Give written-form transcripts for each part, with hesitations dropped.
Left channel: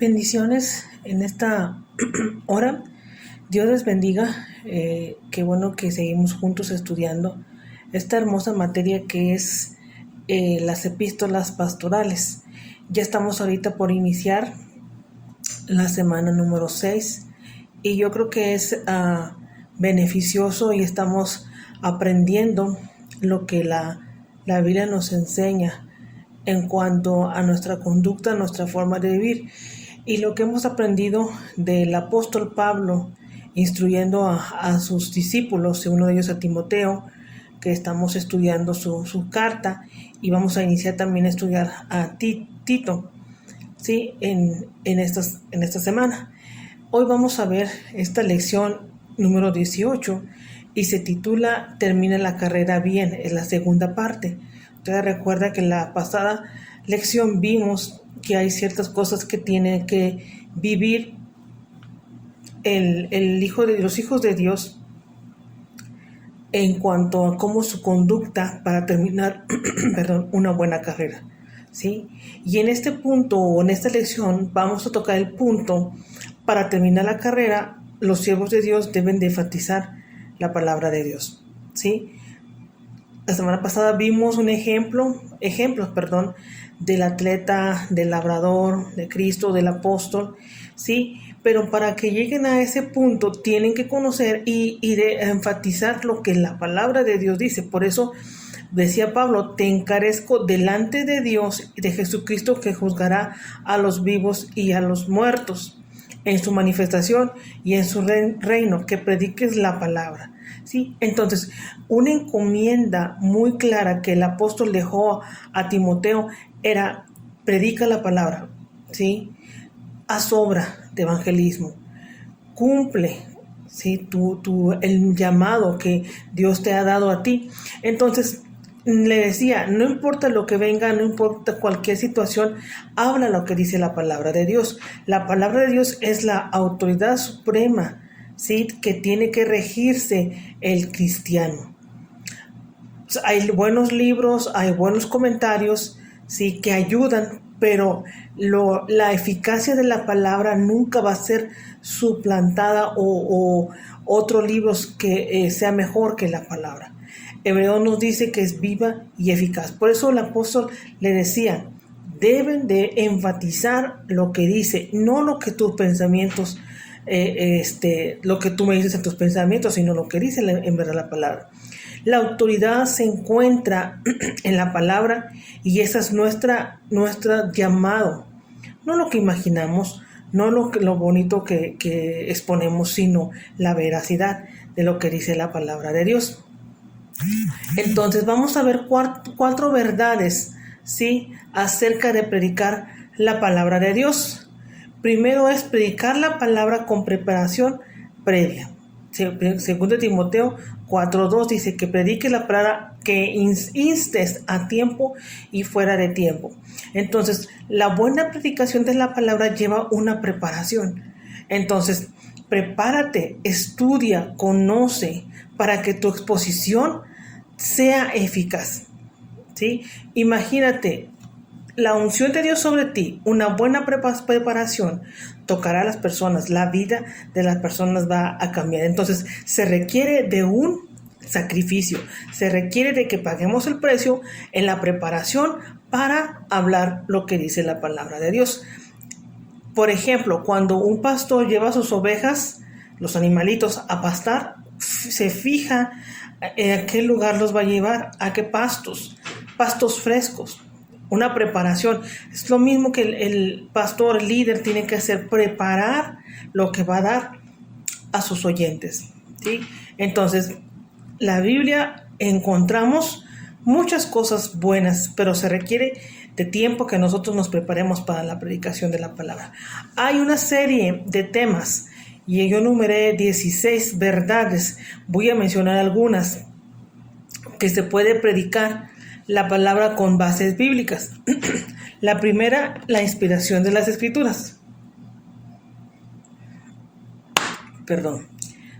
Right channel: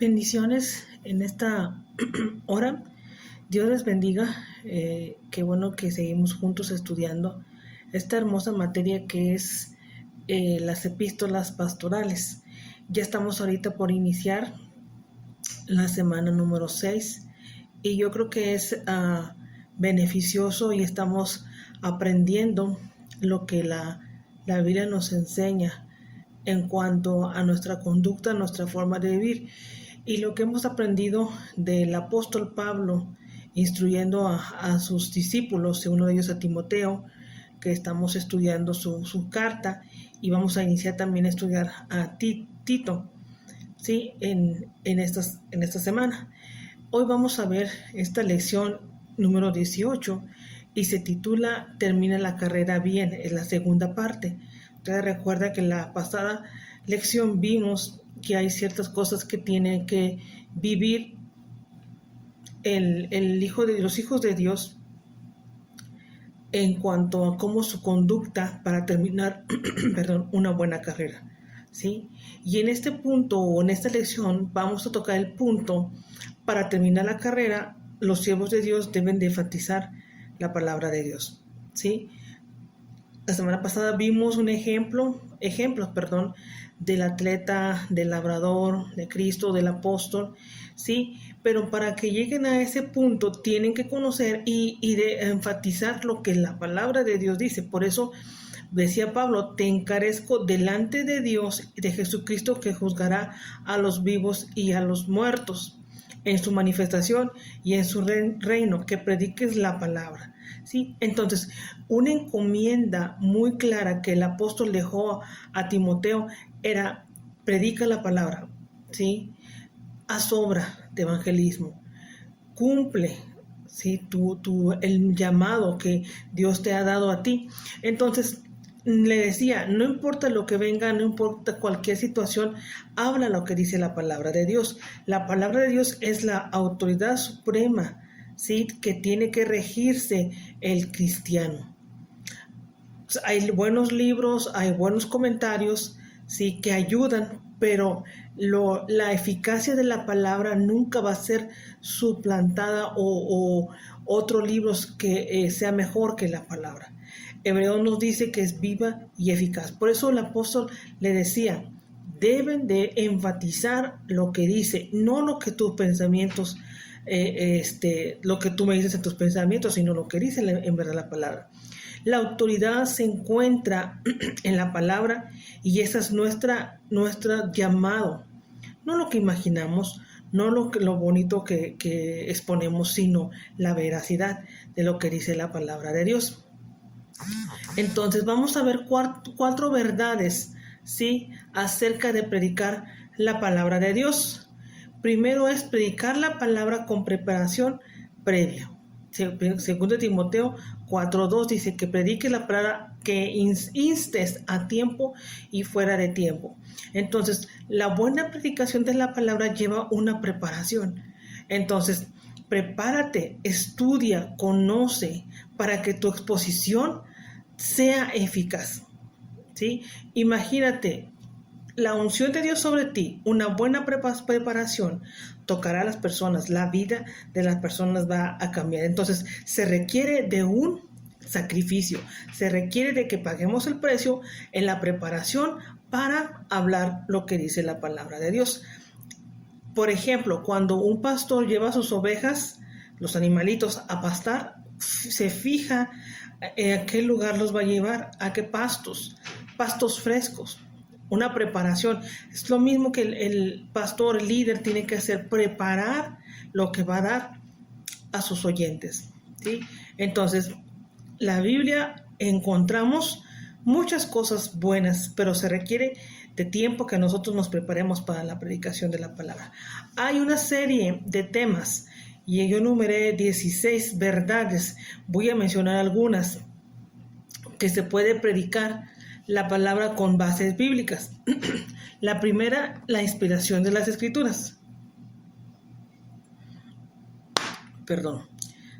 Bendiciones en esta hora. Dios les bendiga. Qué bueno que seguimos juntos estudiando esta hermosa materia que es las epístolas pastorales. Ya estamos ahorita por iniciar la semana número 6 y yo creo que es beneficioso y estamos aprendiendo lo que la Biblia nos enseña en cuanto a nuestra conducta, nuestra forma de vivir. Y lo que hemos aprendido del apóstol Pablo instruyendo a sus discípulos, uno de ellos a Timoteo, que estamos estudiando su carta, y vamos a iniciar también a estudiar a Tito, ¿sí? en esta semana. Hoy vamos a ver esta lección número 18 y se titula Termina la carrera bien, es la segunda parte. Ustedes recuerda que en la pasada lección vimos que hay ciertas cosas que tienen que vivir los hijos de Dios en cuanto a cómo su conducta para terminar una buena carrera, ¿sí? Y en este punto o en esta lección vamos a tocar el punto para terminar la carrera. Los siervos de Dios deben de enfatizar la palabra de Dios, ¿sí? La semana pasada vimos ejemplos, del atleta, del labrador, de Cristo, del apóstol, ¿sí? Pero para que lleguen a ese punto tienen que conocer y de enfatizar lo que la palabra de Dios dice. Por eso decía Pablo, te encarezco delante de Dios y de Jesucristo, que juzgará a los vivos y a los muertos en su manifestación y en su reino, que prediques la palabra, ¿sí? Entonces, una encomienda muy clara que el apóstol dejó a Timoteo era: predica la palabra, ¿sí? Haz obra de evangelismo, cumple, ¿sí? el llamado que Dios te ha dado a ti. Entonces, le decía, no importa lo que venga, no importa cualquier situación, habla lo que dice la palabra de Dios. La palabra de Dios es la autoridad suprema, ¿sí? Que tiene que regirse el cristiano. Hay buenos libros, hay buenos comentarios, ¿sí? Que ayudan, pero la eficacia de la palabra nunca va a ser suplantada o otros libros que sea mejor que la palabra. Hebreo nos dice que es viva y eficaz. Por eso el apóstol le decía, deben de enfatizar lo que dice, no lo que tus pensamientos, lo que tú me dices en tus pensamientos, sino lo que dice en verdad la palabra. La autoridad se encuentra en la palabra y esa es nuestra llamado. No lo que imaginamos, no lo bonito que exponemos, sino la veracidad de lo que dice la palabra de Dios. Entonces vamos a ver cuatro verdades, ¿sí? Acerca de predicar la palabra de Dios. Primero es predicar la palabra con preparación previa. Segundo Timoteo 4:2 dice que predique la palabra, que instes a tiempo y fuera de tiempo. Entonces, la buena predicación de la palabra lleva una preparación. Entonces, prepárate, estudia, conoce, para que tu exposición sea eficaz, ¿sí? Imagínate, la unción de Dios sobre ti, una buena preparación, tocará a las personas, la vida de las personas va a cambiar. Entonces, se requiere de un sacrificio, se requiere de que paguemos el precio en la preparación para hablar lo que dice la palabra de Dios. Por ejemplo, cuando un pastor lleva a sus ovejas, los animalitos, a pastar, se fija a qué lugar los va a llevar, a qué pastos frescos. Una preparación. Es lo mismo que el pastor, el líder, tiene que hacer, preparar lo que va a dar a sus oyentes, ¿sí? Entonces, la Biblia encontramos muchas cosas buenas, pero se requiere de tiempo que nosotros nos preparemos para la predicación de la palabra. Hay una serie de temas y yo enumeré 16 verdades. Voy a mencionar algunas que se puede predicar la palabra con bases bíblicas. La primera, la inspiración de las escrituras.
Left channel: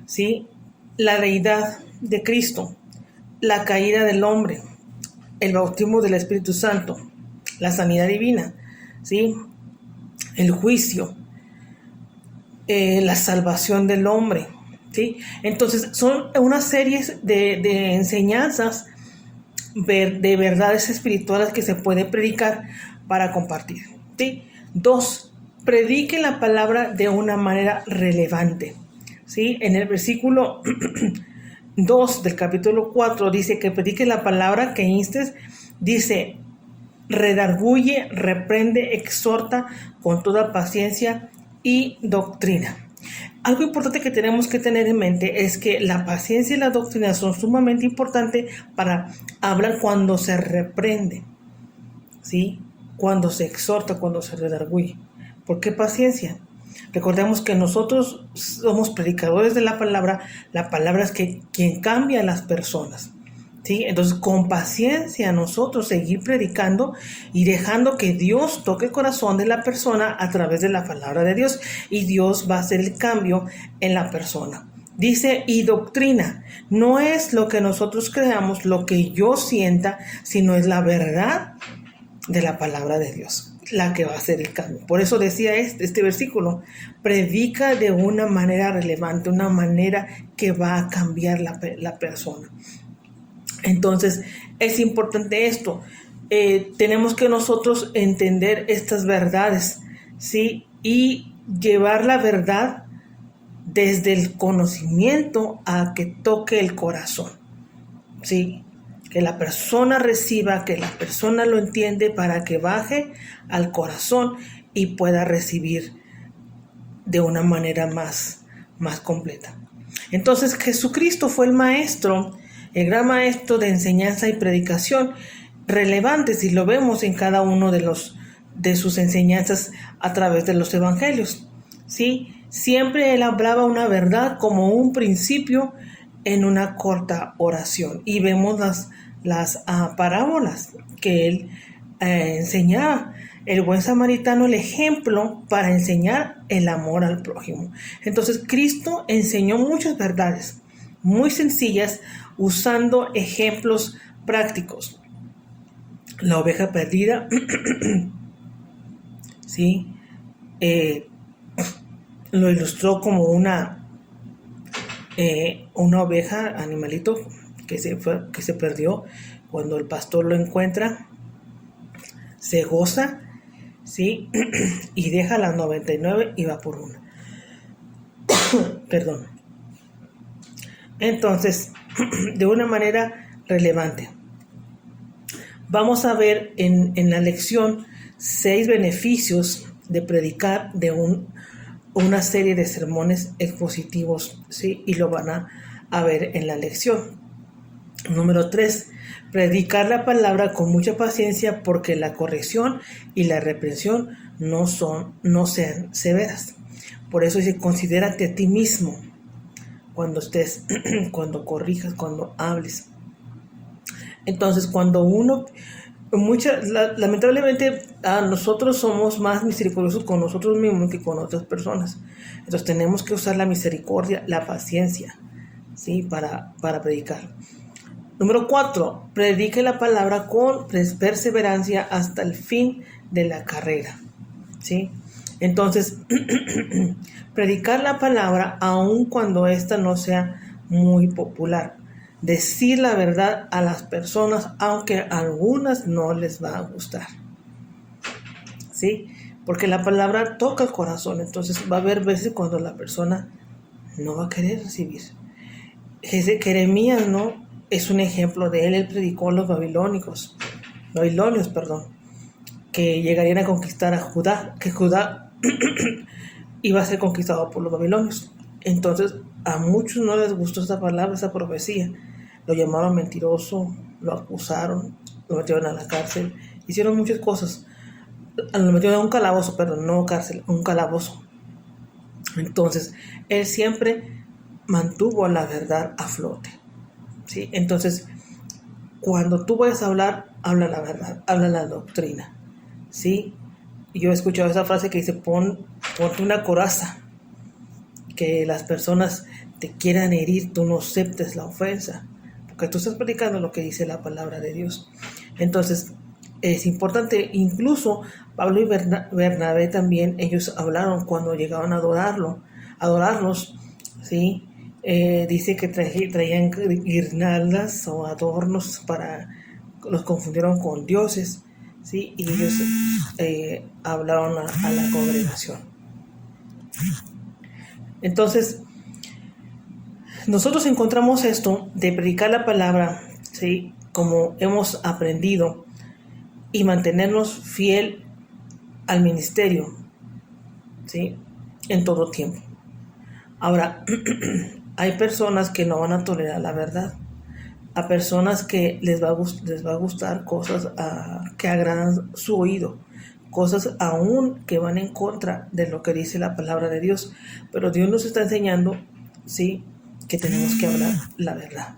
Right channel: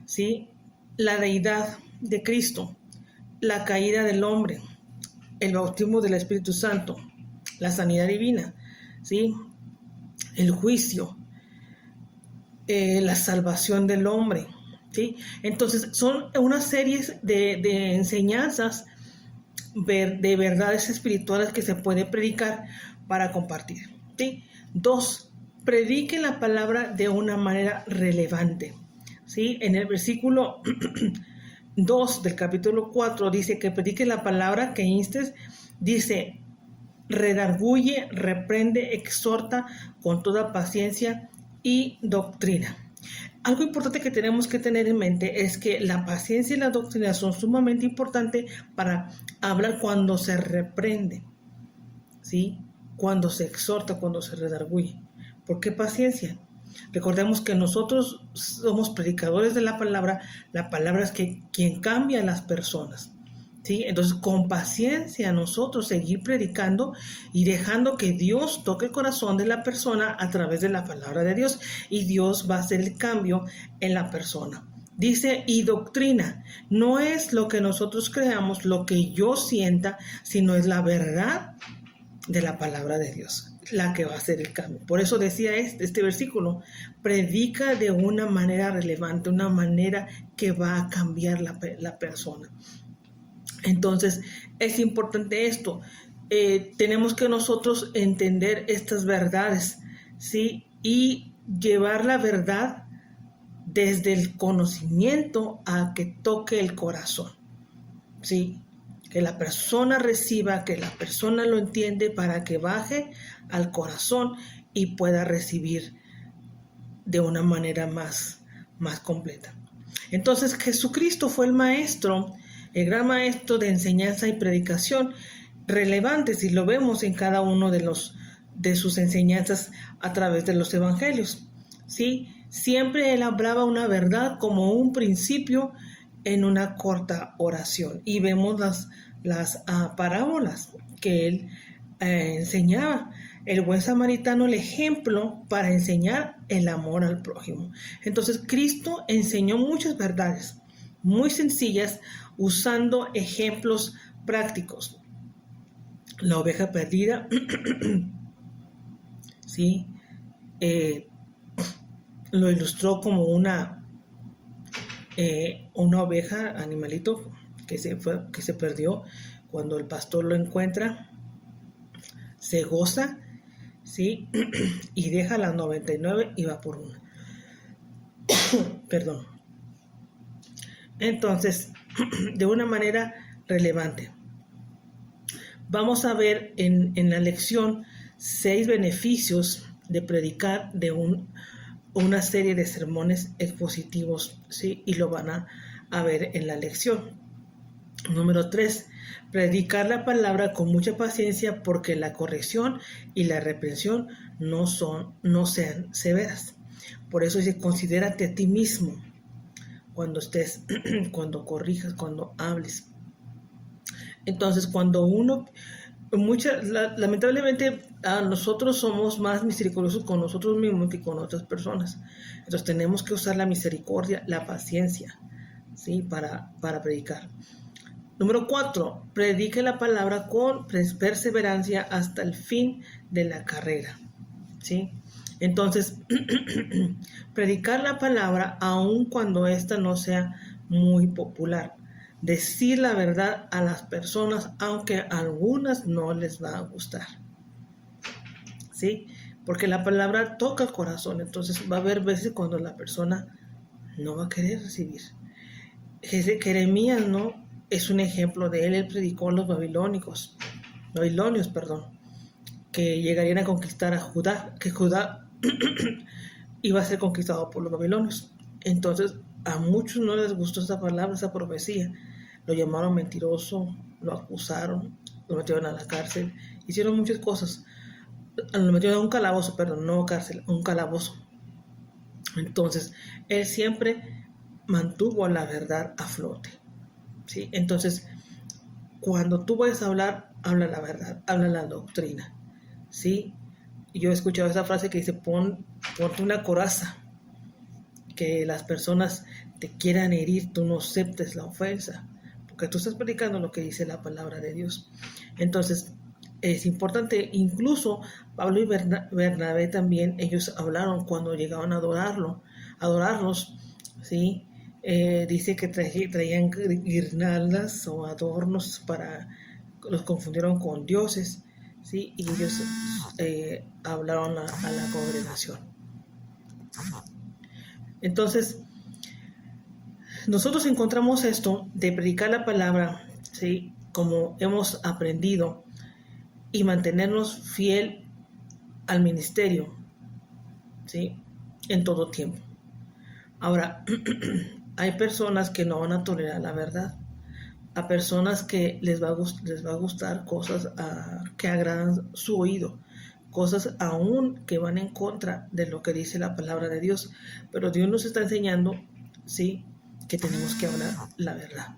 ¿Sí? La deidad de Cristo, la caída del hombre, el bautismo del Espíritu Santo, la sanidad divina, ¿sí? el juicio, la salvación del hombre, ¿sí? Entonces son una serie de enseñanzas, de verdades espirituales que se puede predicar para compartir, ¿sí? 2, predique la palabra de una manera relevante, ¿sí? En el versículo 2 del capítulo 4 dice que predique la palabra, que instes, dice, redarguye, reprende, exhorta con toda paciencia y doctrina. Algo importante que tenemos que tener en mente es que la paciencia y la doctrina son sumamente importantes para hablar cuando se reprende, ¿sí? Cuando se exhorta, cuando se redarguye. ¿Por qué paciencia? Recordemos que nosotros somos predicadores de la palabra es quien cambia a las personas, ¿sí? Entonces, con paciencia nosotros seguir predicando y dejando que Dios toque el corazón de la persona a través de la palabra de Dios, y Dios va a hacer el cambio en la persona. Dice, y doctrina, no es lo que nosotros creamos, lo que yo sienta, sino es la verdad de la palabra de Dios la que va a hacer el cambio. Por eso decía este versículo, predica de una manera relevante, una manera que va a cambiar la persona. Entonces, es importante esto. Tenemos que nosotros entender estas verdades, ¿sí? Y llevar la verdad desde el conocimiento a que toque el corazón, ¿sí? Que la persona reciba, que la persona lo entiende para que baje al corazón y pueda recibir de una manera más completa. Entonces, Jesucristo fue el maestro, el gran maestro de enseñanza y predicación, relevantes, y lo vemos en cada uno de sus enseñanzas a través de los evangelios, ¿sí? Siempre él hablaba una verdad como un principio en una corta oración, y vemos las parábolas que él enseñaba. El buen samaritano, el ejemplo para enseñar el amor al prójimo. Entonces, Cristo enseñó muchas verdades muy sencillas usando ejemplos prácticos. La oveja perdida, ¿sí? Lo ilustró como una oveja, animalito que se perdió. Cuando el pastor lo encuentra, se goza, ¿sí? Y deja las 99 y va por una. Perdón. Entonces, de una manera relevante, vamos a ver en la lección 6 beneficios de predicar de una serie de sermones expositivos, ¿sí? Y lo van a ver en la lección. Número 3, predicar la palabra con mucha paciencia, porque la corrección y la reprensión no sean severas. Por eso dice, considérate a ti mismo cuando estés, cuando corrijas, cuando hables. Entonces, cuando lamentablemente nosotros somos más misericordiosos con nosotros mismos que con otras personas. Entonces tenemos que usar la misericordia, la paciencia, ¿sí? Para predicar. Número 4, predique la palabra con perseverancia hasta el fin de la carrera, ¿sí? Entonces, predicar la palabra aun cuando ésta no sea muy popular. Decir la verdad a las personas, aunque a algunas no les va a gustar, ¿sí? Porque la palabra toca el corazón. Entonces va a haber veces cuando la persona no va a querer recibir. Jeremías, ¿no? Es un ejemplo de él predicó a los babilonios, que llegarían a conquistar a Judá, que Judá iba a ser conquistado por los babilonios. Entonces, a muchos no les gustó esa palabra, esa profecía. Lo llamaron mentiroso, lo acusaron, lo metieron a la cárcel, hicieron muchas cosas. Lo metieron a un calabozo, no cárcel, un calabozo. Entonces, él siempre mantuvo la verdad a flote, ¿sí? Entonces, cuando tú vayas a hablar, habla la verdad, habla la doctrina, ¿sí? Yo he escuchado esa frase que dice, ponte una coraza, que las personas te quieran herir, tú no aceptes la ofensa, porque tú estás predicando lo que dice la palabra de Dios. Entonces, es importante. Incluso Pablo y Bernabé también, ellos hablaron cuando llegaban a adorarlos, ¿sí? Dice que traían guirnaldas o adornos los confundieron con dioses, ¿sí? Y ellos hablaron a la congregación. Entonces, nosotros encontramos esto de predicar la palabra, ¿sí? Como hemos aprendido, y mantenernos fiel al ministerio, ¿sí? En todo tiempo. Ahora, hay personas que no van a tolerar la verdad. A personas que les va a gustar cosas que agradan su oído, cosas aún que van en contra de lo que dice la palabra de Dios. Pero Dios nos está enseñando, ¿sí?, que tenemos que hablar la verdad,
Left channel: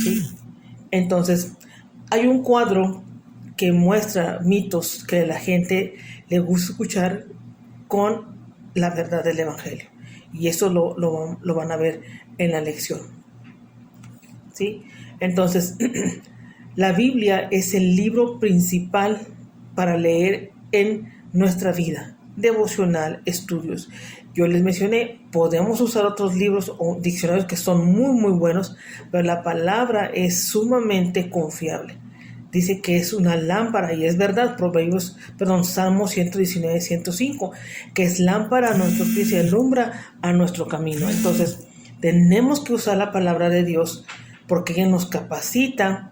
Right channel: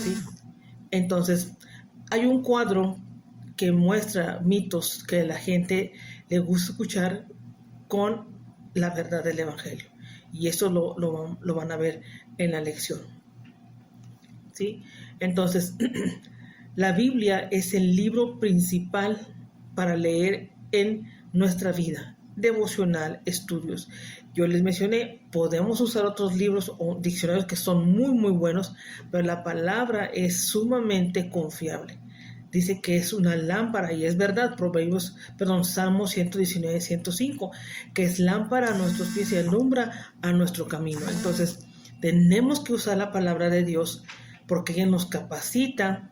¿sí? Entonces, hay un cuadro que muestra mitos que la gente le gusta escuchar con la verdad del Evangelio. Y eso lo van a ver en la lección, ¿sí? Entonces, la Biblia es el libro principal para leer en nuestra vida, devocional, estudios. Yo les mencioné, podemos usar otros libros o diccionarios que son muy, muy buenos, pero la palabra es sumamente confiable. Dice que es una lámpara, y es verdad, Salmo 119, 105, que es lámpara a nuestros pies y alumbra a nuestro camino. Entonces, tenemos que usar la palabra de Dios porque Él nos capacita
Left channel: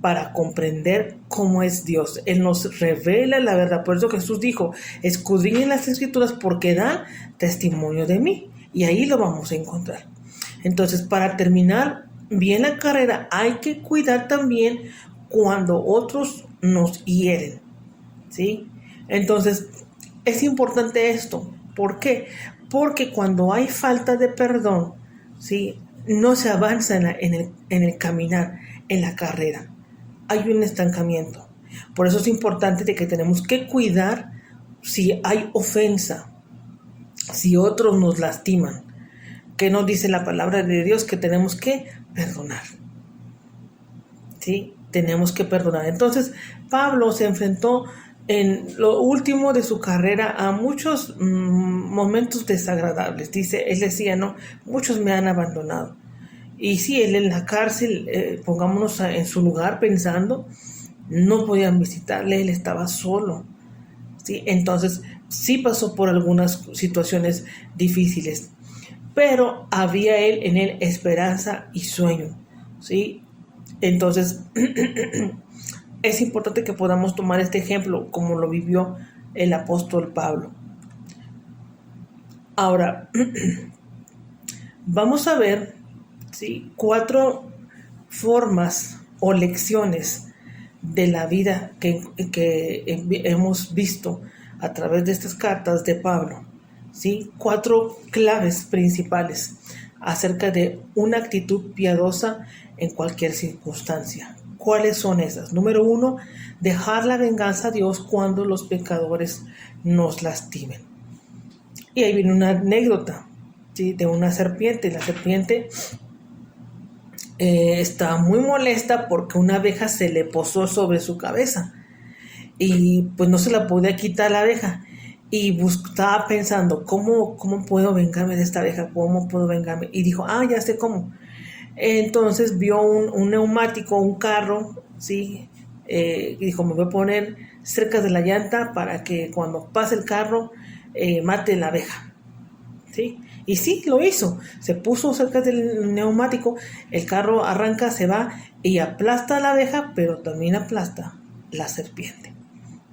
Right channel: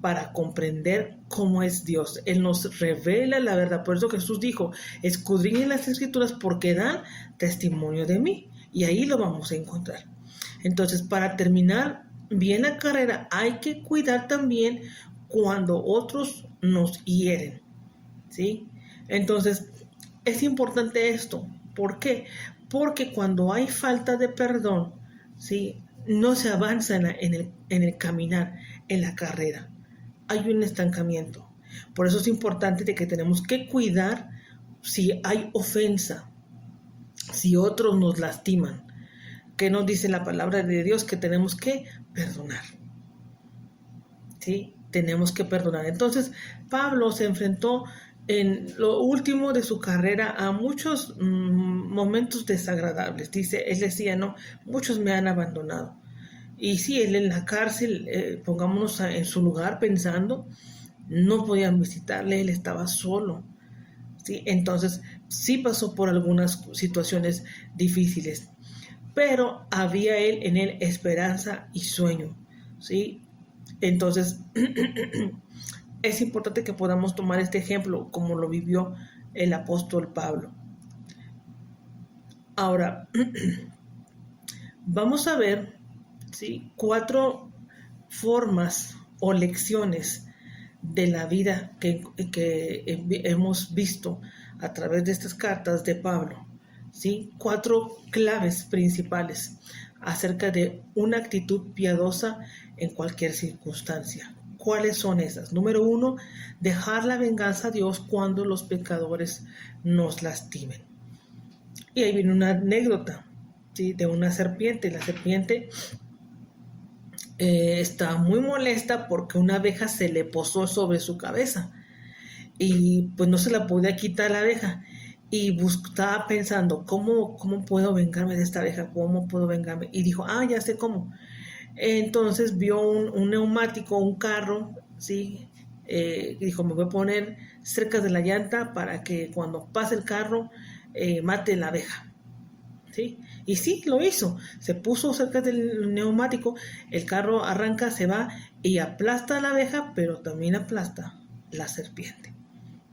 para comprender cómo es Dios. Él nos revela la verdad. Por eso Jesús dijo, escudriñen las Escrituras porque dan testimonio de mí. Y ahí lo vamos a encontrar. Entonces, para terminar bien la carrera, hay que cuidar también cuando otros nos hieren, ¿sí? Entonces, es importante esto. ¿Por qué? Porque cuando hay falta de perdón, ¿sí?, no se avanza en el caminar, en la carrera. Hay un estancamiento. Por eso es importante de que tenemos que cuidar si hay ofensa, si otros nos lastiman. ¿Qué nos dice la palabra de Dios? Que tenemos que perdonar, ¿sí? Tenemos que perdonar. Entonces, Pablo se enfrentó en lo último de su carrera a muchos momentos desagradables. Él decía, no, muchos me han abandonado. Y sí, él en la cárcel, pongámonos en su lugar pensando, no podían visitarle, él estaba solo, ¿sí? Entonces, sí pasó por algunas situaciones difíciles, pero había en él esperanza y sueño, ¿sí? Entonces, es importante que podamos tomar este ejemplo como lo vivió el apóstol Pablo. Ahora, vamos a ver, ¿sí?, 4 formas o lecciones de la vida que hemos visto a través de estas cartas de Pablo, ¿sí? 4 claves principales acerca de una actitud piadosa en cualquier circunstancia. ¿Cuáles son esas? Número 1, dejar la venganza a Dios cuando los pecadores nos lastimen. Y ahí viene una anécdota, ¿sí?, de una serpiente. La serpiente estaba muy molesta porque una abeja se le posó sobre su cabeza y pues no se la podía quitar la abeja, y estaba pensando, ¿cómo puedo vengarme de esta abeja? ¿Cómo puedo vengarme? Y dijo, ya sé cómo. Entonces vio un neumático, un carro, ¿sí? Y dijo, me voy a poner cerca de la llanta para que cuando pase el carro mate la abeja, ¿sí? Y sí, lo hizo. Se puso cerca del neumático, el carro arranca, se va y aplasta a la abeja, pero también aplasta la serpiente,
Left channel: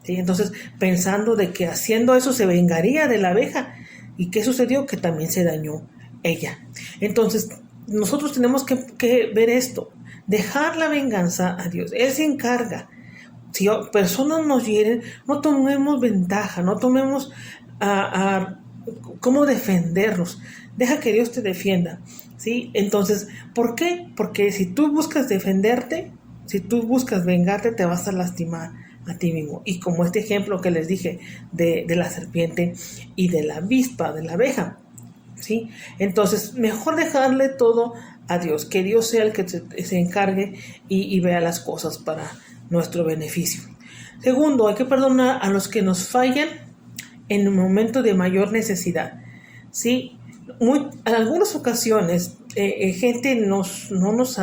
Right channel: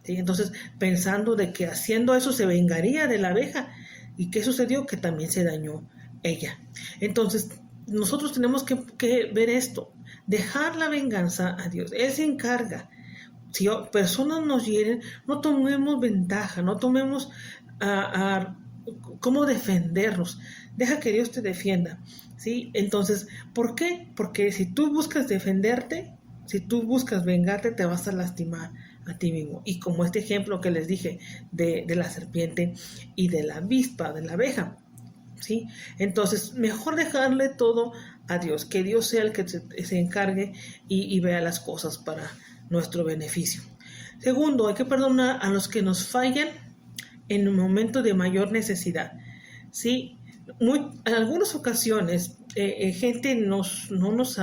¿sí? Entonces, pensando de que haciendo eso se vengaría de la abeja. ¿Y qué sucedió? Que también se dañó ella. Entonces, nosotros tenemos que ver esto, dejar la venganza a Dios. Él se encarga. Si personas nos hieren, no tomemos ventaja, no tomemos cómo defendernos. Deja que Dios te defienda, ¿sí? Entonces, ¿por qué? Porque si tú buscas defenderte, si tú buscas vengarte, te vas a lastimar a ti mismo. Y como este ejemplo que les dije de la serpiente y de la avispa, de la abeja, ¿sí? Entonces, mejor dejarle todo a Dios, que Dios sea el que se encargue y vea las cosas para nuestro beneficio. Segundo, hay que perdonar a los que nos fallan en un momento de mayor necesidad. ¿Sí? En algunas ocasiones, gente no nos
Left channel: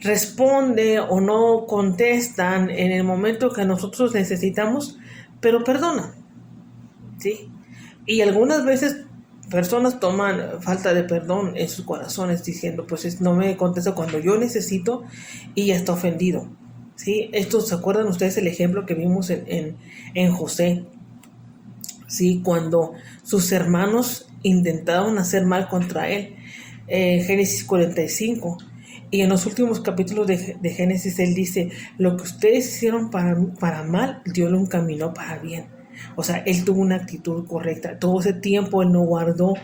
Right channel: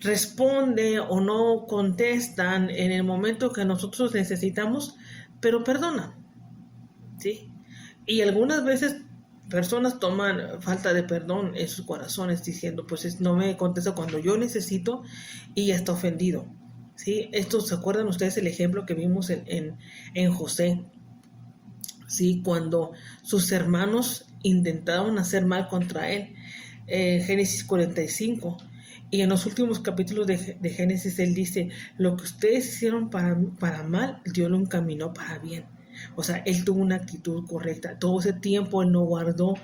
responde o no contestan en el momento que nosotros necesitamos, pero perdona, ¿sí? Y algunas veces personas toman falta de perdón en sus corazones diciendo, pues no me contesta cuando yo necesito y ya está ofendido, ¿sí? Esto, ¿se acuerdan ustedes el ejemplo que vimos en José? ¿Sí? Cuando sus hermanos intentaban hacer mal contra él, Génesis 45. Y en los últimos capítulos de Génesis él dice, lo que ustedes hicieron para mal, Dios lo encaminó para bien. O sea, él tuvo una actitud correcta. Todo ese tiempo él no guardó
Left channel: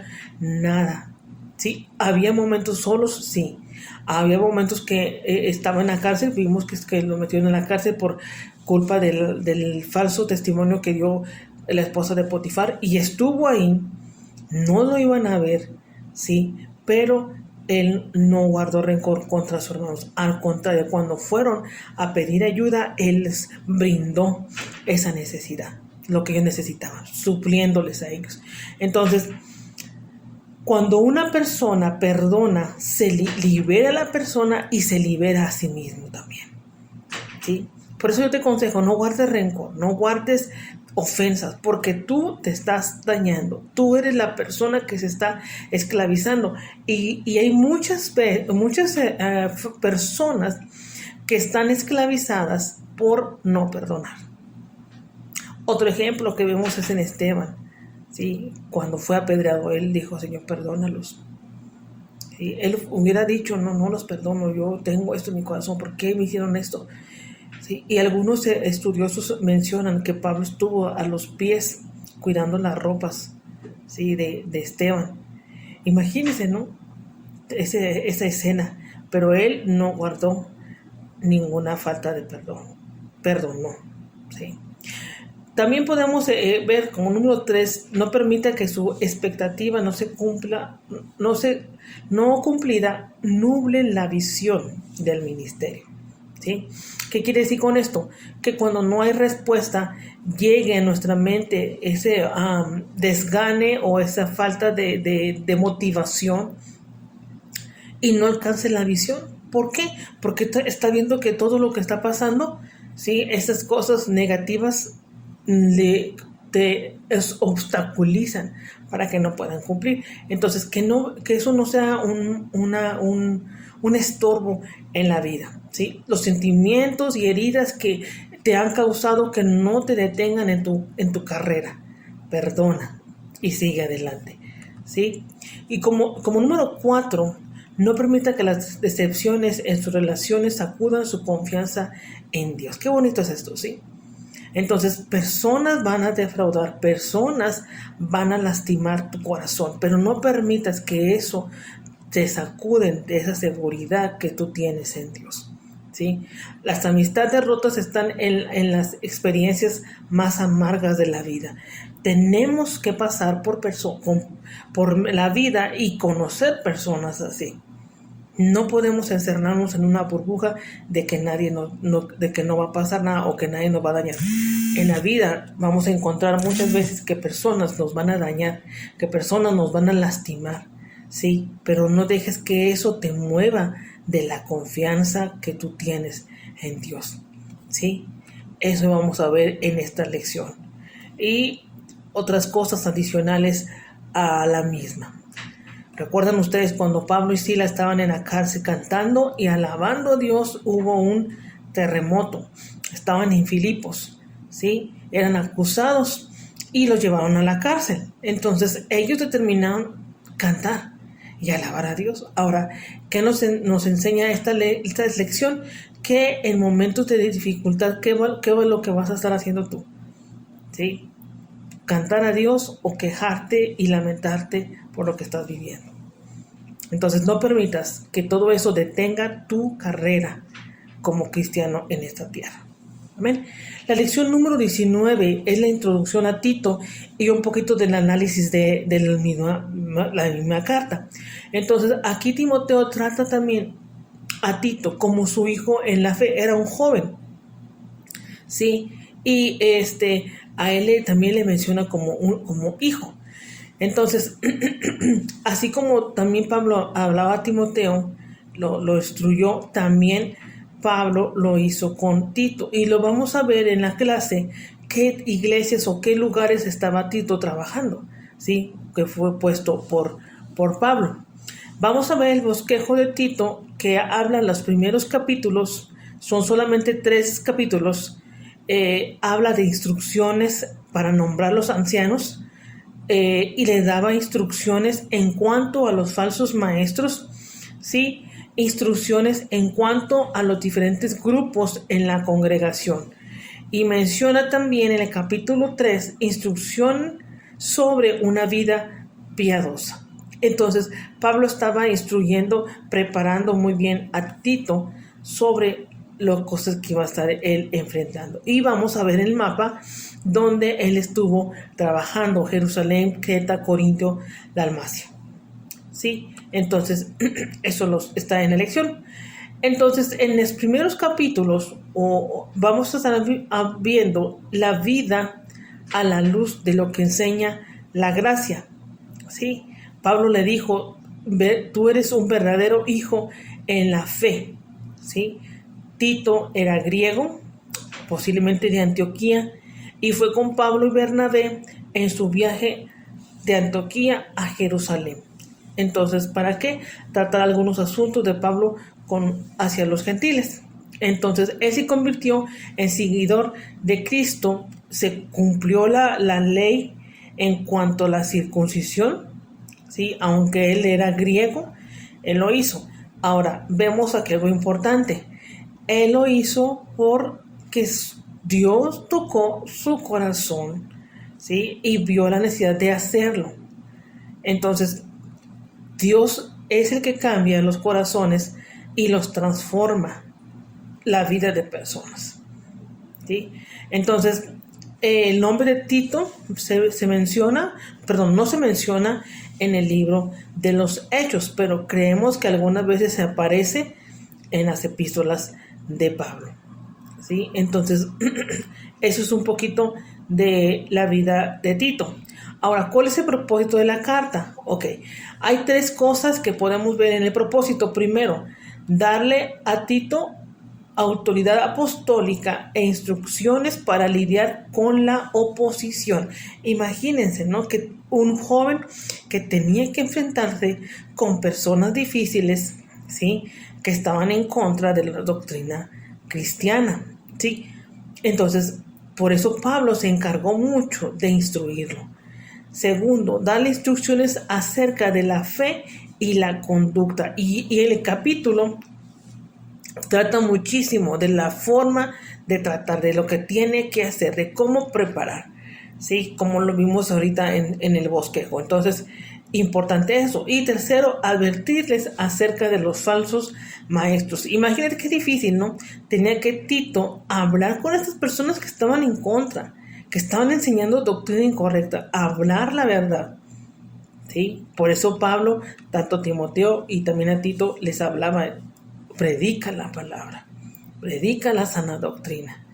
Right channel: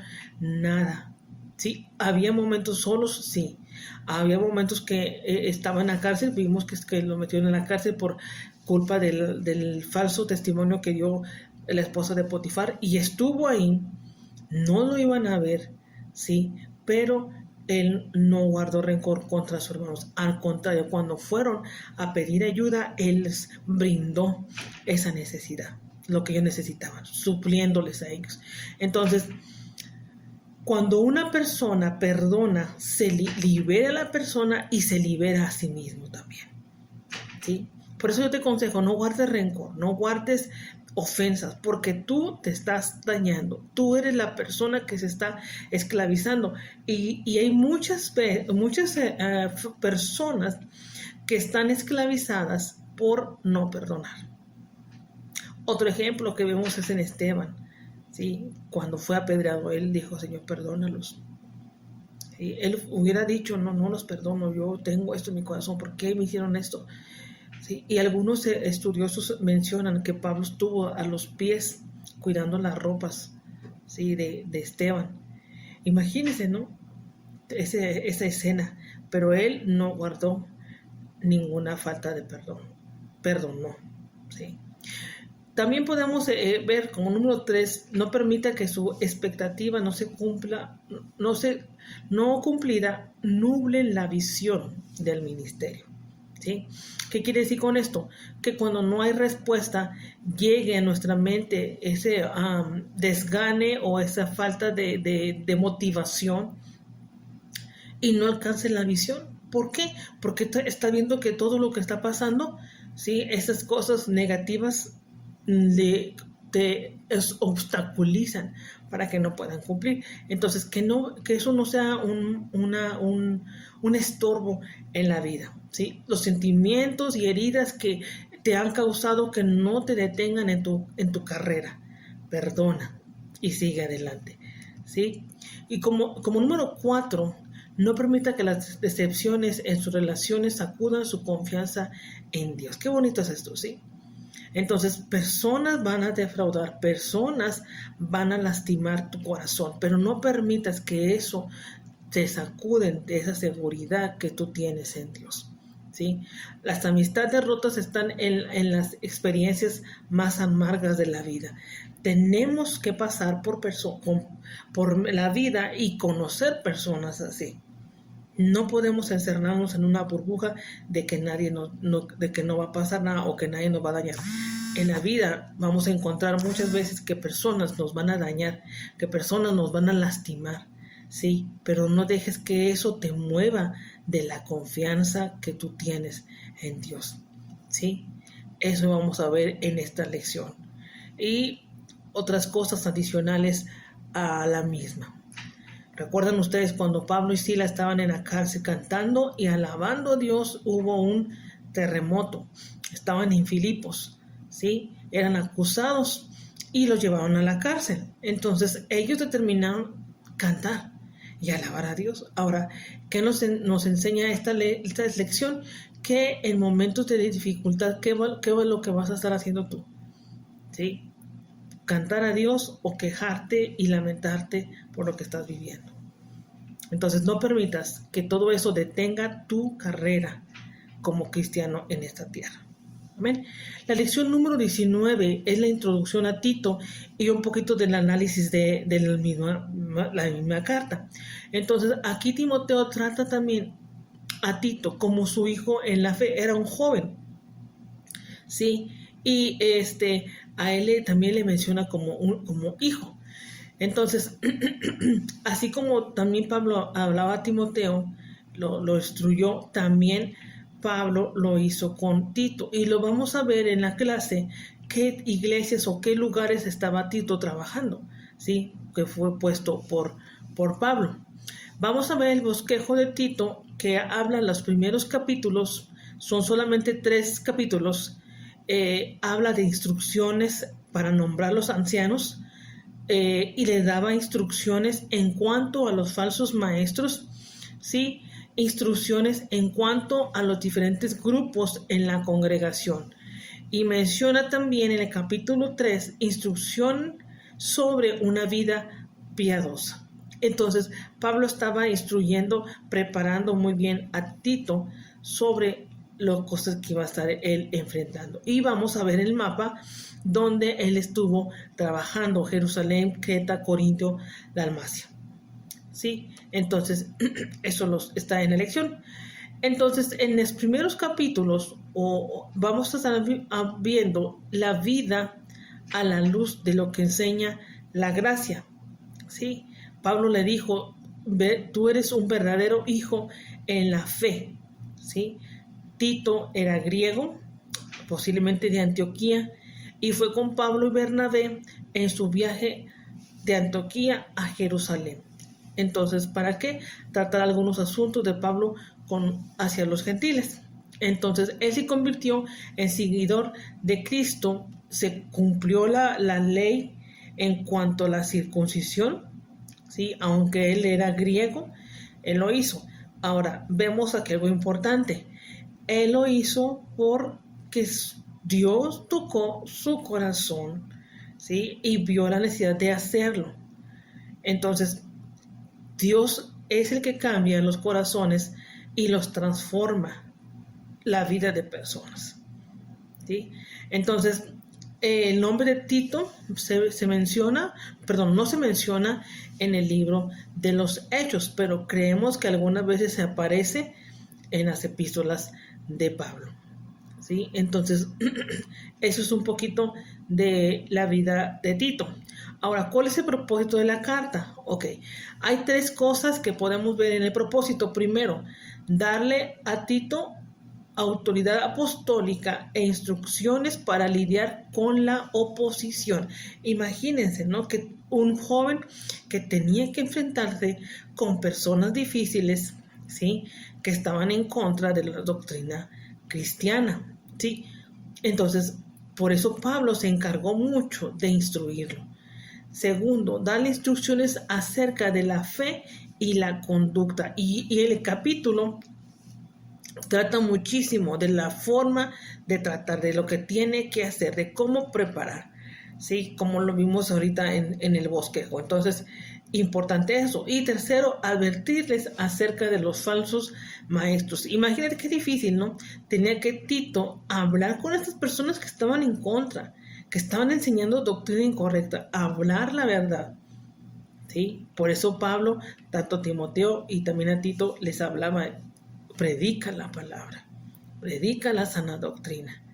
nada. ¿Sí? Había momentos solos, sí. Había momentos que estaba en la cárcel, vimos que lo metieron en la cárcel por culpa del falso testimonio que dio la esposa de Potifar, y estuvo ahí, no lo iban a ver, ¿sí? Pero él no guardó rencor contra sus hermanos. Al contrario, cuando fueron a pedir ayuda, él les brindó esa necesidad, lo que ellos necesitaban, supliéndoles a ellos. Entonces, cuando una persona perdona, se libera a la persona y se libera a sí mismo también, ¿sí? Por eso yo te aconsejo, no guardes rencor, no guardes ofensas, porque tú te estás dañando, tú eres la persona que se está esclavizando, y hay muchas personas que están esclavizadas por no perdonar. Otro ejemplo que vemos es en Esteban, ¿sí? Cuando fue apedreado, él dijo, Señor, perdónalos. ¿Sí? Él hubiera dicho, no los perdono, yo tengo esto en mi corazón, ¿por qué me hicieron esto? ¿Sí? Y algunos estudiosos mencionan que Pablo estuvo a los pies cuidando las ropas, ¿sí? de Esteban. Imagínense, ¿no? Esa escena, pero él no guardó ninguna falta de perdón, perdonó, ¿sí? También podemos ver como número 3, no permita que su expectativa no se cumpla, no cumplida, nuble la visión del ministerio, ¿sí? ¿Qué quiere decir con esto? Que cuando no hay respuesta, llegue a nuestra mente ese desgane o esa falta de motivación y no alcance la visión. ¿Por qué? Porque está viendo que todo lo que está pasando, ¿sí? Esas cosas negativas te obstaculizan para que no puedan cumplir. Entonces, que eso no sea un estorbo en la vida, ¿sí? Los sentimientos y heridas que te han causado que no te detengan en tu carrera. Perdona y sigue adelante, ¿sí? Y como número 4, no permita que las decepciones en sus relaciones sacudan su confianza en Dios. Qué bonito es esto, ¿sí? Entonces, personas van a defraudar, personas van a lastimar tu corazón, pero no permitas que eso te sacuden de esa seguridad que tú tienes en Dios, ¿sí? Las amistades rotas están en las experiencias más amargas de la vida. Tenemos que pasar por la vida y conocer personas así. No podemos encerrarnos en una burbuja de que de que no va a pasar nada o que nadie nos va a dañar. En la vida vamos a encontrar muchas veces que personas nos van a dañar, que personas nos van a lastimar, sí, pero no dejes que eso te mueva de la confianza que tú tienes en Dios, sí. Eso vamos a ver en esta lección y otras cosas adicionales a la misma. ¿Recuerdan ustedes cuando Pablo y Sila estaban en la cárcel cantando y alabando a Dios? Hubo un terremoto. Estaban en Filipos, ¿sí? Eran acusados y los llevaron a la cárcel. Entonces ellos determinaron cantar y alabar a Dios. Ahora, ¿qué nos enseña esta lección? Que en momentos de dificultad, ¿qué es lo que vas a estar haciendo tú? ¿Sí? Cantar a Dios o quejarte y lamentarte por lo que estás viviendo. Entonces no permitas que todo eso detenga tu carrera como cristiano en esta tierra. Amén. La lección número 19 es la introducción a Tito y un poquito del análisis de la misma carta. Entonces aquí Timoteo trata también a Tito como su hijo en la fe. Era un joven, ¿sí? Y a él también le menciona como hijo. Entonces, así como también Pablo hablaba a Timoteo, lo instruyó, también Pablo lo hizo con Tito. Y lo vamos a ver en la clase qué iglesias o qué lugares estaba Tito trabajando, ¿sí? Que fue puesto por Pablo. Vamos a ver el bosquejo de Tito, que habla los primeros capítulos, son solamente 3 capítulos, habla de instrucciones para nombrar los ancianos, y le daba instrucciones en cuanto a los falsos maestros, ¿sí? Instrucciones en cuanto a los diferentes grupos en la congregación. Y menciona también en el capítulo 3 instrucción sobre una vida piadosa. Entonces, Pablo estaba instruyendo, preparando muy bien a Tito sobre las cosas que iba a estar él enfrentando. Y vamos a ver el mapa donde él estuvo trabajando: Jerusalén, Creta, Corintio, Dalmacia. ¿Sí? Entonces, eso está en la lección. Entonces, en los primeros capítulos vamos a estar viendo la vida a la luz de lo que enseña la gracia. ¿Sí? Pablo le dijo: tú eres un verdadero hijo en la fe. ¿Sí? Tito era griego, posiblemente de Antioquía, y fue con Pablo y Bernabé en su viaje de Antioquía a Jerusalén. Entonces, ¿para qué? Tratar algunos asuntos de Pablo hacia los gentiles. Entonces, él se convirtió en seguidor de Cristo, se cumplió la ley en cuanto a la circuncisión, ¿sí? Aunque él era griego, él lo hizo. Ahora, vemos aquí algo importante. Él lo hizo porque Dios tocó su corazón, ¿sí? Y vio la necesidad de hacerlo. Entonces, Dios es el que cambia los corazones y los transforma la vida de personas, ¿sí? Entonces, el nombre de Tito se menciona, perdón, no se menciona en el libro de los Hechos, pero creemos que algunas veces se aparece en las epístolas de Pablo, ¿sí? Entonces, eso es un poquito de la vida de Tito. Ahora, ¿cuál es el propósito de la carta? Ok, hay 3 cosas que podemos ver en el propósito. Primero, darle a Tito autoridad apostólica e instrucciones para lidiar con la oposición. Imagínense, ¿no? Que un joven que tenía que enfrentarse con personas difíciles, ¿sí? Que estaban en contra de la doctrina cristiana, ¿sí? Entonces, por eso Pablo se encargó mucho de instruirlo. Segundo, darle instrucciones acerca de la fe y la conducta. Y el capítulo trata muchísimo de la forma de tratar, de lo que tiene que hacer, de cómo preparar, ¿sí? Como lo vimos ahorita en el bosquejo. Entonces, importante eso. Y tercero, advertirles acerca de los falsos maestros. Imagínate qué difícil, ¿no? Tenía que Tito hablar con estas personas que estaban en contra, que estaban enseñando doctrina incorrecta, hablar la verdad, ¿sí? Por eso Pablo, tanto a Timoteo y también a Tito, les hablaba: predica la palabra, predica la sana doctrina,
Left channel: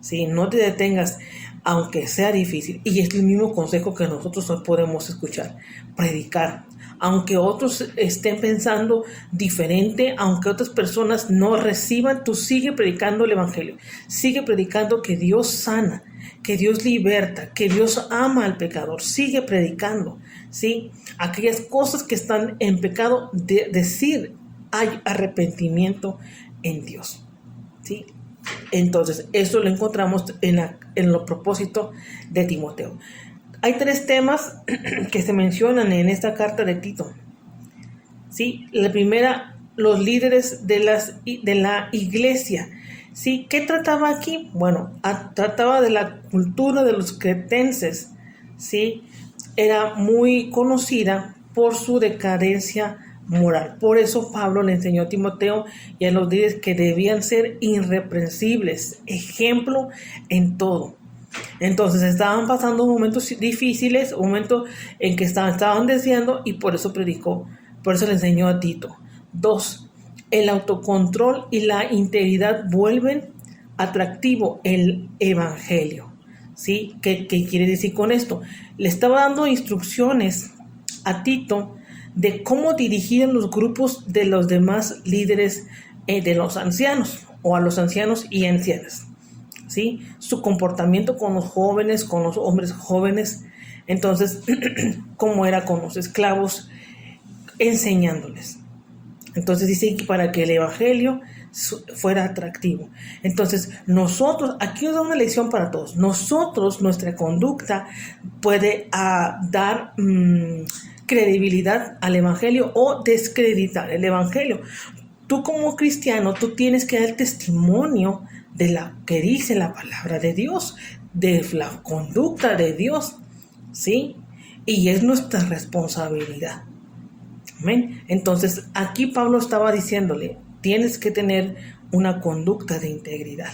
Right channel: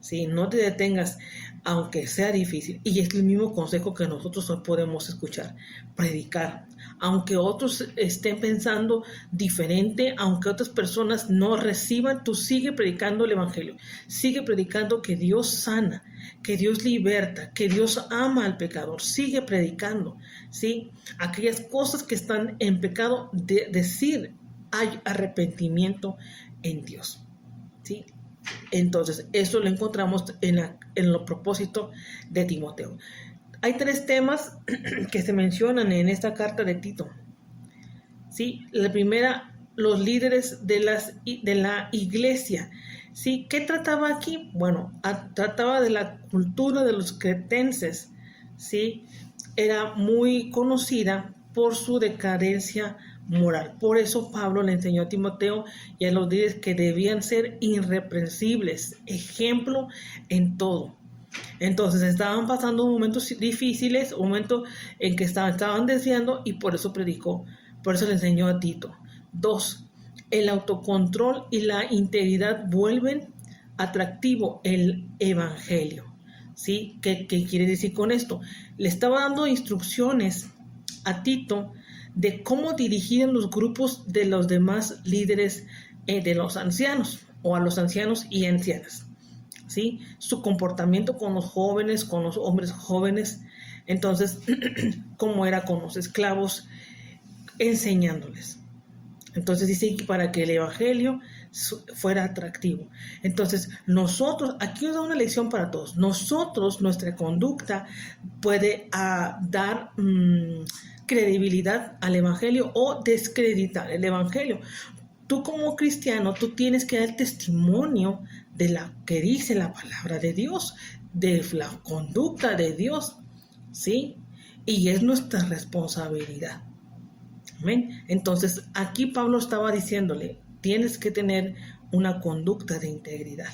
¿sí? No te detengas, aunque sea difícil. Y es el mismo consejo que nosotros hoy podemos escuchar: predicar. Aunque otros estén pensando diferente, aunque otras personas no reciban, tú sigue predicando el evangelio, sigue predicando que Dios sana, que Dios liberta, que Dios ama al pecador. Sigue predicando, ¿sí? Aquellas cosas que están en pecado, decir: hay arrepentimiento en Dios, ¿sí? Entonces, eso lo encontramos en los propósitos de Timoteo. Hay 3 temas que se mencionan en esta carta de Tito, ¿sí? La primera, los líderes de la iglesia, ¿sí? ¿Qué trataba aquí? Bueno, trataba de la cultura de los cretenses, ¿sí? Era muy conocida por su decadencia moral. Por eso Pablo le enseñó a Timoteo y a los líderes que debían ser irreprensibles, ejemplo en todo. Entonces estaban pasando momentos difíciles, momentos en que estaban desviando, y por eso predicó, por eso le enseñó a Tito. 2, el autocontrol y la integridad vuelven atractivo el evangelio. ¿Sí? ¿Qué quiere decir con esto? Le estaba dando instrucciones a Tito de cómo dirigir los grupos de los demás líderes de los ancianos, o a los ancianos y ancianas, ¿sí? Su comportamiento con los jóvenes, con los hombres jóvenes, entonces, cómo era con los esclavos, enseñándoles. Entonces dice que para que el evangelio fuera atractivo. Entonces nosotros, aquí nos da una lección para todos. Nosotros, nuestra conducta puede dar credibilidad al evangelio o descreditar el evangelio. Tú como cristiano, tú tienes que dar testimonio de la que dice la palabra de Dios, de la conducta de Dios, ¿sí? Y es nuestra responsabilidad. Amén. Entonces, aquí Pablo estaba diciéndole, tienes que tener una conducta de integridad.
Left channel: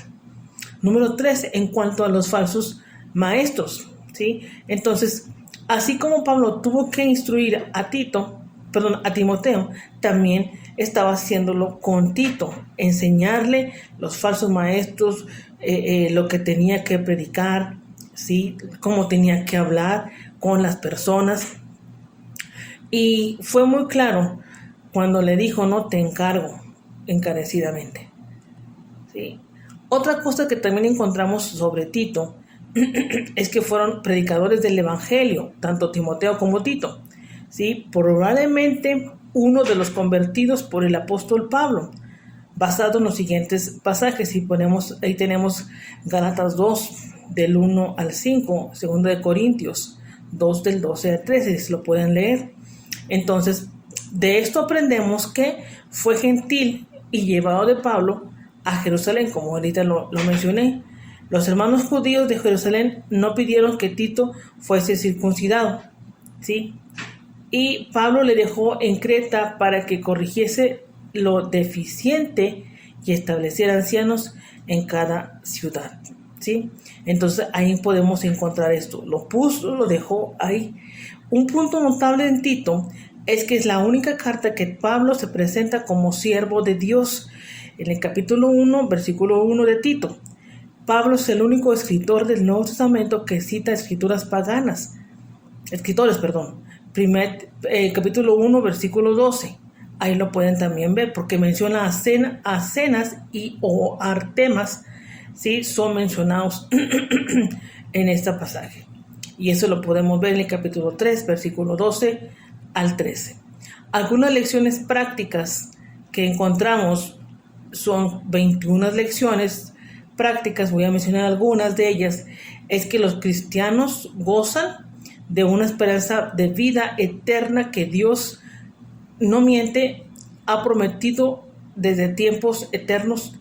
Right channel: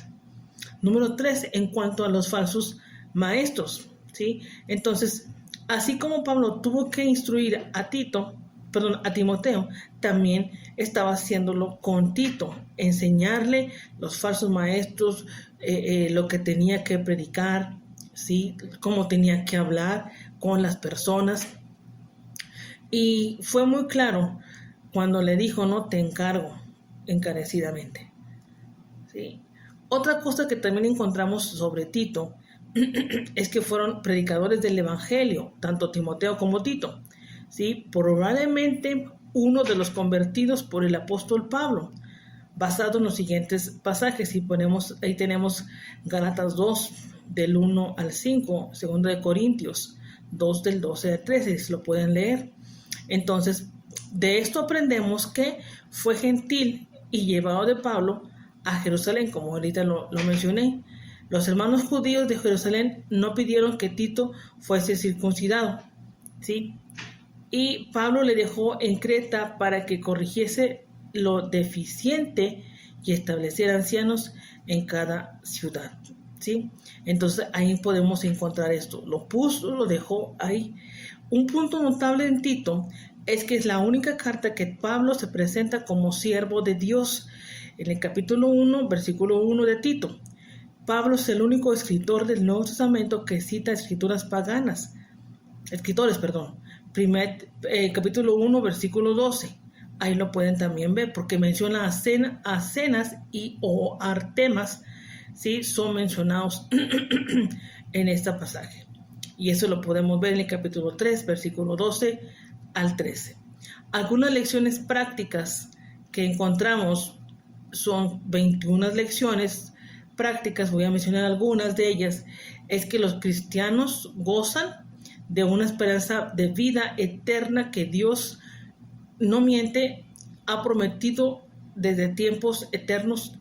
Número 3, en cuanto a los falsos maestros, ¿sí? Entonces, así como Pablo tuvo que instruir a Timoteo, también estaba haciéndolo con Tito, enseñarle los falsos maestros, lo que tenía que predicar, ¿sí? Cómo tenía que hablar con las personas. Y fue muy claro cuando le dijo, no, te encargo encarecidamente, ¿sí? Otra cosa que también encontramos sobre Tito es que fueron predicadores del evangelio, tanto Timoteo como Tito, ¿sí? Probablemente uno de los convertidos por el apóstol Pablo, basado en los siguientes pasajes. Si ponemos, ahí tenemos Gálatas 2, del 1 al 5, 2 de Corintios 2, del 12 al 13, si lo pueden leer. Entonces, de esto aprendemos que fue gentil y llevado de Pablo a Jerusalén, como ahorita lo mencioné. Los hermanos judíos de Jerusalén no pidieron que Tito fuese circuncidado, ¿sí? Y Pablo le dejó en Creta para que corrigiese lo deficiente y estableciera ancianos en cada ciudad, ¿sí? Entonces ahí podemos encontrar esto. Lo puso, lo dejó ahí. Un punto notable en Tito es que es la única carta que Pablo se presenta como siervo de Dios. En el capítulo 1, versículo 1 de Tito, Pablo es el único escritor del Nuevo Testamento que cita escrituras paganas. Capítulo 1, versículo 12. Ahí lo pueden también ver, porque menciona a Cenas y o Artemas, ¿sí? Son mencionados en este pasaje. Y eso lo podemos ver en el capítulo 3, versículo 12 al 13. Algunas lecciones prácticas que encontramos son 21 lecciones prácticas, voy a mencionar algunas de ellas. Es que los cristianos gozan de una esperanza de vida eterna que Dios, no miente, ha prometido desde tiempos eternos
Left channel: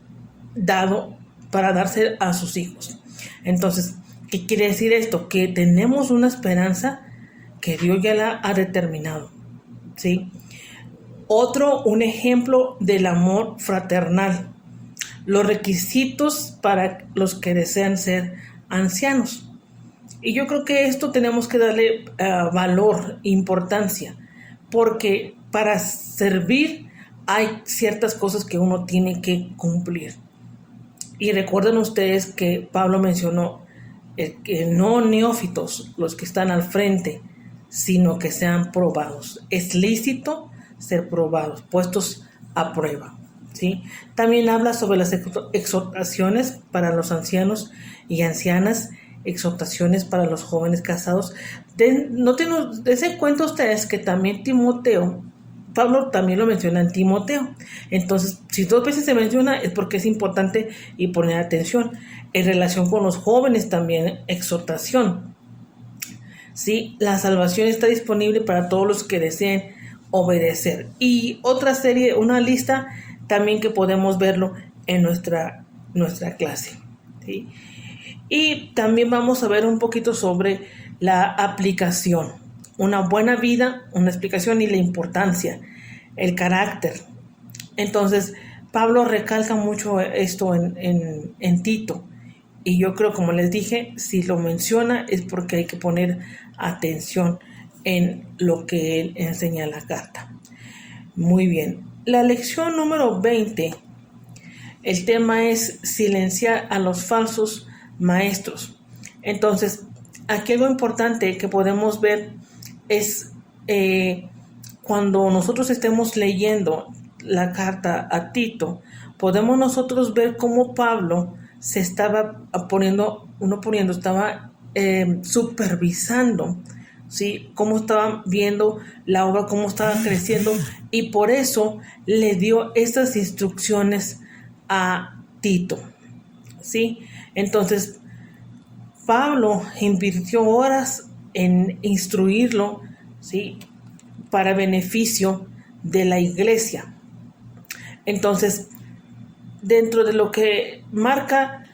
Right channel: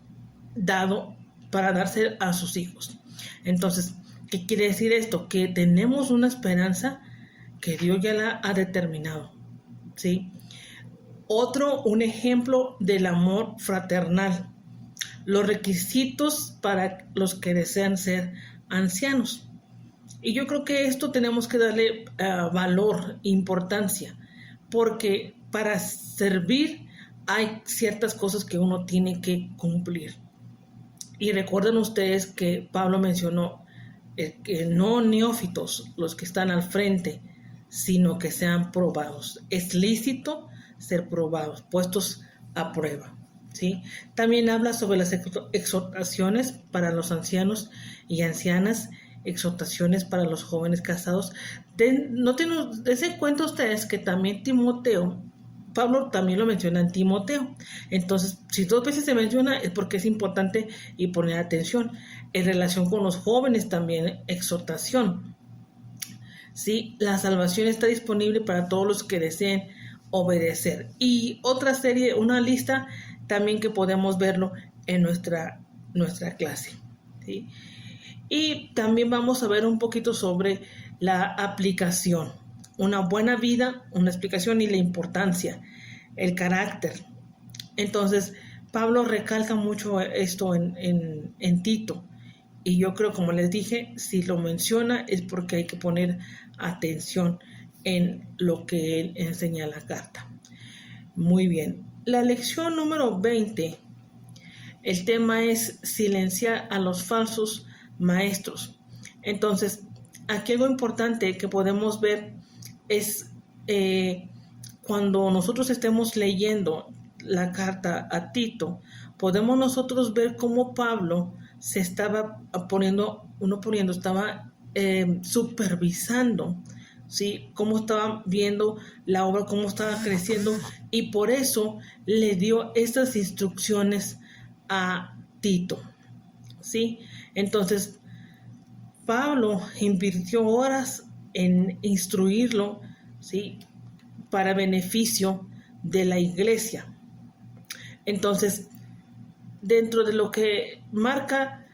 dado para darse a sus hijos. Entonces, ¿qué quiere decir esto? Que tenemos una esperanza que Dios ya la ha determinado, ¿sí? Un ejemplo del amor fraternal. Los requisitos para los que desean ser ancianos. Y yo creo que esto tenemos que darle valor, importancia, porque para servir hay ciertas cosas que uno tiene que cumplir. Y recuerden ustedes que Pablo mencionó que no neófitos los que están al frente, sino que sean probados. Es lícito ser probados, puestos a prueba, ¿sí? También habla sobre las exhortaciones para los ancianos y ancianas, exhortaciones para los jóvenes casados. Dense cuenta ustedes que también Pablo también lo menciona en Timoteo. Entonces, si 2 veces se menciona es porque es importante y poner atención. En relación con los jóvenes también, exhortación. ¿Sí? La salvación está disponible para todos los que deseen obedecer. Y una lista también que podemos verlo en nuestra clase, ¿sí? Y también vamos a ver un poquito sobre la aplicación. Una buena vida, una explicación y la importancia, el carácter. Entonces, Pablo recalca mucho esto en Tito. Y yo creo, como les dije, si lo menciona es porque hay que poner atención en lo que él enseña en la carta. Muy bien. La lección número 20 el tema es silenciar a los falsos maestros. Entonces, aquí lo importante que podemos ver es cuando nosotros estemos leyendo la carta a Tito, podemos nosotros ver cómo Pablo se estaba estaba supervisando, ¿sí? Cómo estaba viendo la obra, cómo estaba creciendo, y por eso le dio estas instrucciones a Tito, ¿sí? Entonces, Pablo invirtió horas en instruirlo, ¿sí? Para beneficio de la iglesia. Entonces, dentro de lo que marca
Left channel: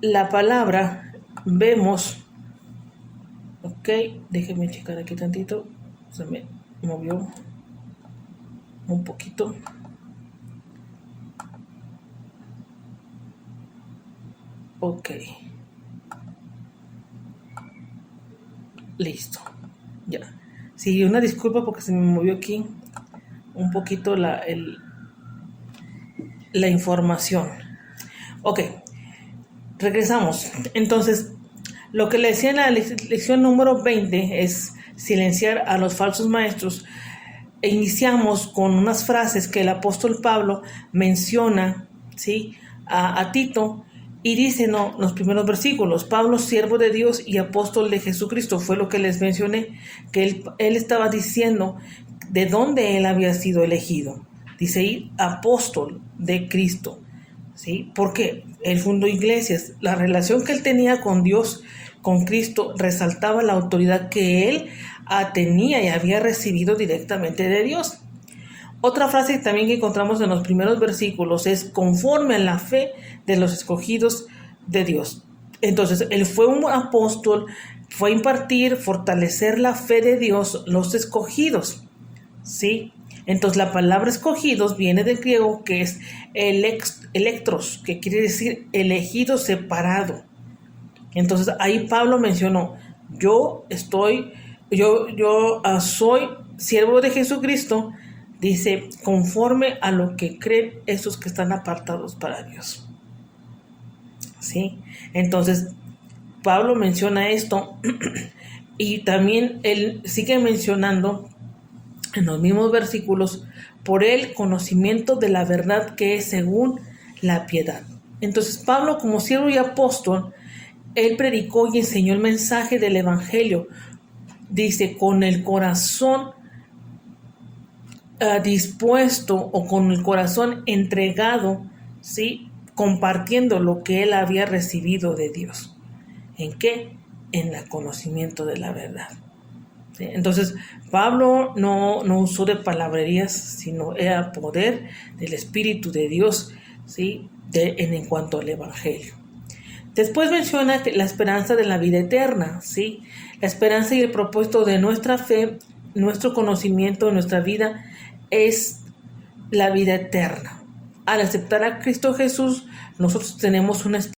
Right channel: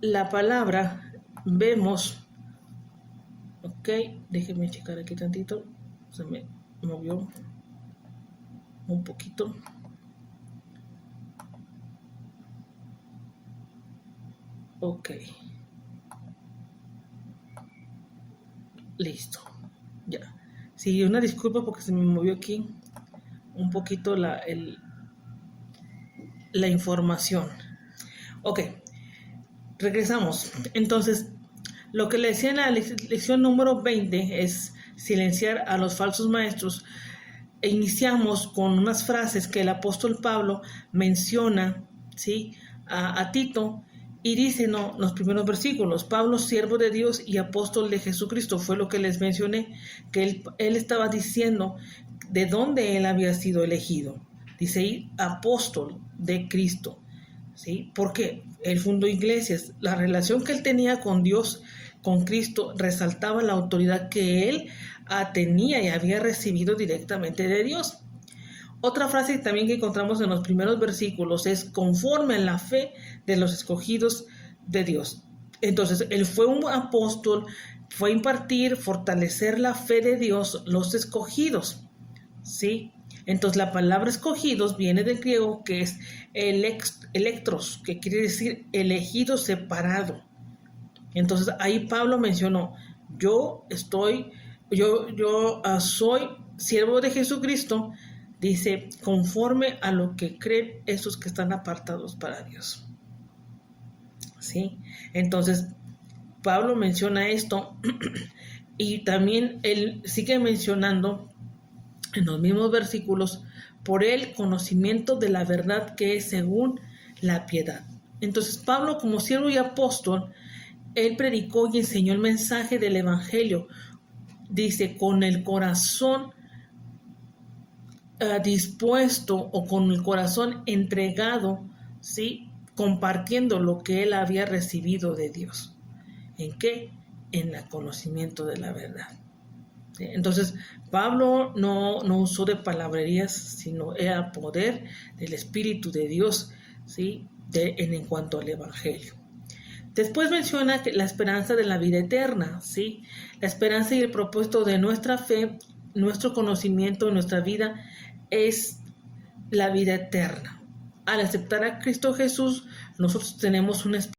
la palabra, vemos, ok, déjenme checar aquí tantito, se me movió un poquito. Ok, listo, ya. Sí, una disculpa porque se me movió aquí un poquito la información. Ok, regresamos. Entonces, lo que le decía en la lección número 20 es silenciar a los falsos maestros. E iniciamos con unas frases que el apóstol Pablo menciona, ¿sí? a Tito, y dice, no, los primeros versículos: Pablo, siervo de Dios y apóstol de Jesucristo. Fue lo que les mencioné, que él estaba diciendo de dónde él había sido elegido. Dice ahí, apóstol de Cristo, ¿sí? Porque él fundó iglesias. La relación que él tenía con Dios, con Cristo, resaltaba la autoridad que él tenía y había recibido directamente de Dios. Otra frase también que encontramos en los primeros versículos es: conforme a la fe de los escogidos de Dios. Entonces, él fue un apóstol, fue a impartir, fortalecer la fe de Dios, los escogidos, ¿sí? Entonces, la palabra escogidos viene del griego, que es electros, que quiere decir elegido, separado. Entonces, ahí Pablo mencionó: yo soy siervo de Jesucristo, dice, conforme a lo que creen esos que están apartados para Dios, ¿sí? Entonces, Pablo menciona esto y también él sigue mencionando en los mismos versículos: por el conocimiento de la verdad que es según la piedad. Entonces, Pablo, como siervo y apóstol, él predicó y enseñó el mensaje del evangelio, dice, con el corazón dispuesto, o con el corazón entregado, ¿sí? Compartiendo lo que él había recibido de Dios. ¿En qué? En el conocimiento de la verdad, ¿sí? Entonces, Pablo no usó de palabrerías, sino era poder del Espíritu de Dios, ¿sí? En cuanto al evangelio. Después menciona la esperanza de la vida eterna, ¿sí? La esperanza y el propósito de nuestra fe, nuestro conocimiento, nuestra vida, es la vida eterna. Al aceptar a Cristo Jesús, nosotros tenemos una esperanza